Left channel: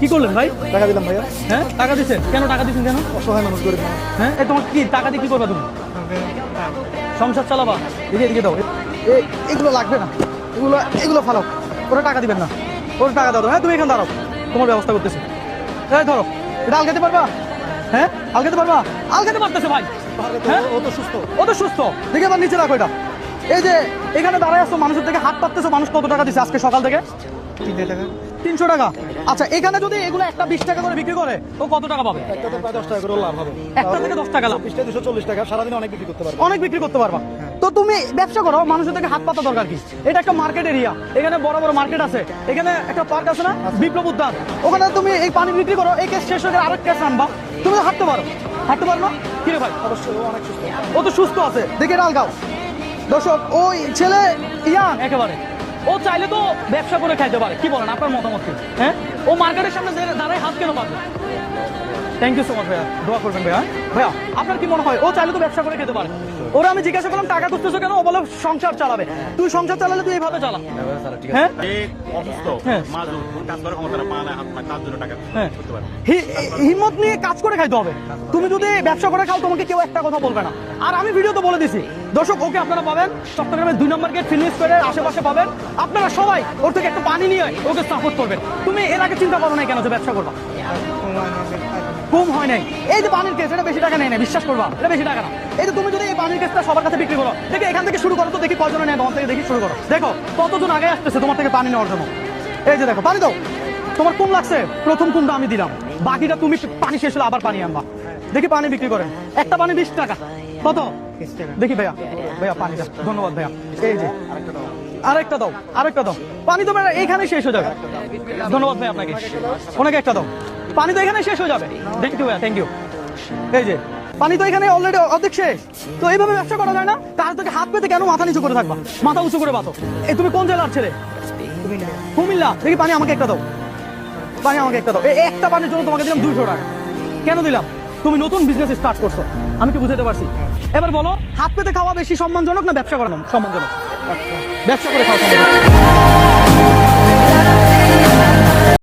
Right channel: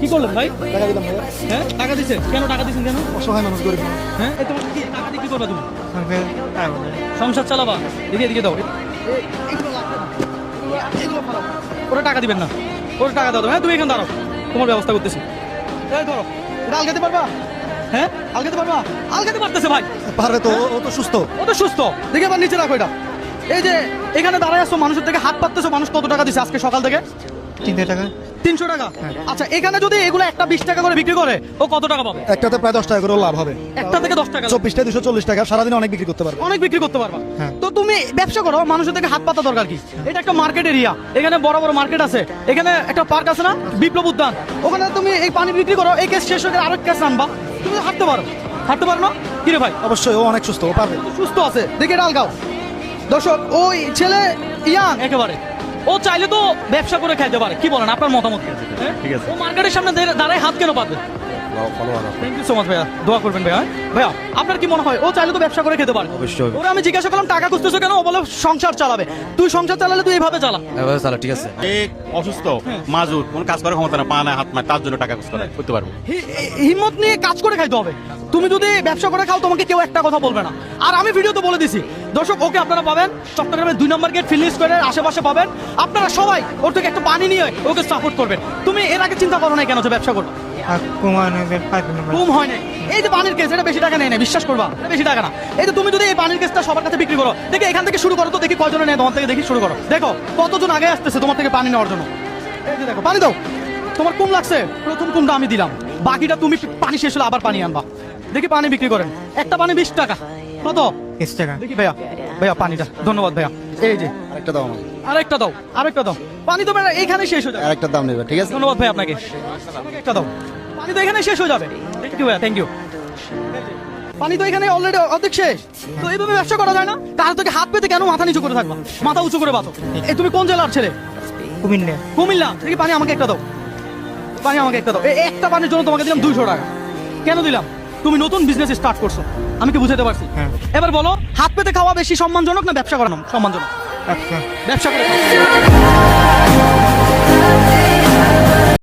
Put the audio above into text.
কি করলেন ভাই? টাকা দিলাম ভাইয়া। হ্যাঁ টাকা দিচ্ছেন কেন? টাকা দিচ্ছেন কেন? সময় মানুষ গরিব মানুষ। হ্যাঁ এই তোমার কি টাকা দিয়ে কি করবা তুমি? সংসার চালাবা? এদিকে দাও। এগুলো লাগবে না, এগুলো ফালাও। ওরা টাকা দিবেন না, ওরা টাকা দাও। হ্যাঁ তুমি এখানে দাঁড়াও, তোমার ব্যবস্থা করতেছি। এই ধরো, এটা আলগাতে পারবা? হ্যাঁ আলগাতে পারবা? আলগাতে পারতেছে ভাই। পারবে তো, ও তো সুস্থ। ও তো সুস্থ। দেখে আবার নিচে রাখো এটা। এই যে এখানে দাঁড়ায় আসছো, মানুষের থেকে হাত পাততেছো, মানুষ কত টাকা দিচ্ছে আজকে সকাল থেকে? 300 টাকা। 300 টাকা। আচ্ছা এখানে যদি এগুলো একটা 20 টাকা করে বিক্রি করে, ও কত টাকা পাবে? একটাতে প্রায় 10 টাকা করে লাভ হবে। একটা থেকে 10 টাকা লাভ। 24 টাকা 240 টাকা সারাদিন অনেক বিক্রি করতে পারবে। অনেক বিক্রি করতে পারবা। হ্যাঁ। তো তুমি ব্যবসা করো, মানুষের থেকে হাত পাতা দরকার কি? এটা একটা মার্কেট এরিয়া, এখানে বড় বড় মার্কেট আছে, এখানে একটা পার্ক আছে না, বিপ্লব উদ্যান, ওখানে তুমি এই পানি বিক্রি করো, এই কেস শেষ হয়ে আরেক কেস আনবা, তুমি হাঁটতে পারো। হাঁটতে পারো না? কি রে ভাই? অবশ্যই ও অনেক সুস্থ, ও পারবে। ও তো সুস্থ আছে, দেখে এটা আলগাও। দর্শক ওই ছেলে ইয়াং একেবারে ও চাইলে তো ব্যবসা করে খাইতে পারে। কি বলেন, আপনার মতামত কি? হ্যাঁ ও মার্কেটের সামনে দাঁড়ায় হাত কেন পারবে? থ্যাংক ইউ সো মাচ ভাইয়া, দোয়া করবেন ভাইয়া। ভাইয়া আপনার কি মনে হয় ও চাইলে তো ব্যবসা করে খেতে পারে? ওরা আমি জিজ্ঞাসা করলাম টাকা খুঁজতেছো কেন, ও বলে সংসার চালাবে। তুই সংসার চালালে তুই এইভাবে চালা। ঠিক আছে। অসুস্থ মাজুর কোন কাজ করার ক্ষমতা না, পা না হাত না, তার জন্য টাকা করতে পারবো। হিম্মত নিয়ে কাজ করে খাইতে হবে। তুমি যদি ব্যবসা করে খাও তোমাকে কেউ একটা কথা বলবে না। আর আমি ভিডিওতে বলে দিছি দর্শক, ওকে আপনারা পাবেন চট্টগ্রামের 2 নম্বর গেট ফিনিশ করে আশেপাশে পাবেন। আপনারা সবাই ওর থেকে একটা পানি নিয়ে ওকে সাপোর্ট করবেন। তুমি এর আগে চিন্তা করো না কেন যে ব্যবসা করবা? কম হয় নাই। এই যে পানির কেস, এটা বেশি টাকা নেয় না, বিশ্বাস করবা, এটা বেশি টাকা না। এই যে তুমি যদি এই পানির কেসটা সবার কাছে বিক্রি করো, দেখি এখান থেকে শুরু করো তো, দেখি কয়জনে নেয় তোমার থেকে, দেখি শুরু করো। দেখো কতজন আগে আসতেছে তোমার থেকে পানি নেওয়ার জন্য। এই যে দেখো পানি দাও। তোমার কোন লাগছে? প্রথম কোনটা আমি দিলাম, বাকিটা তুমি পানি শেষ হলে আবার পানি আনবা। দেখি পানি বিক্রি করেন, একটা পানি 20 টাকা। কত? 20 টাকা। দেখি ভাইয়া, ভাইয়া পানিটা ধন্যবাদ ভাইয়া। এই যে একটা দাও। আরেকটা দাও, আরেকটা দাও। পানি তো ভাইয়া এইখানে শেষ হয়ে যাবে। আরেকটা দাম নেবে, ঠিক আছে? ধন্যবাদ ভাই আপনাকে, অনেক একটা দাও। পানি তো এখানে শেষ হয়ে যাবে। থ্যাংক ইউ ভাইয়া, থ্যাংক ইউ। এই যে পানি তো এখানে অলরেডি অর্ধেক শেষ। তো এইভাবে ব্যবসা করা যায় না? তাহলে তোকে হাত পেতে কেন মাথা নিচু করে থাকবা? মাথা উঁচু করে বাঁধো। এই তুমি কোন জেলার ছেলে? কুমিল্লা। কুমিল্লা। দেখি পানি আমাকে একটা দাও, পানি আমাকে একটা দাও। এই একটা পানির জন্য তোমাকে দিলাম 200 টাকা। কেন দিলাম? তুমি নতুন বিজনেস স্টার্ট করছো, আমি কি বুঝাতে পারছি? এবার বলো, হাত পেতে খাওয়া বেশি সম্মানজনক না ব্যবসা করানো সম্মানজনক? ব্যবসা করে খাওয়া সম্মানজনক।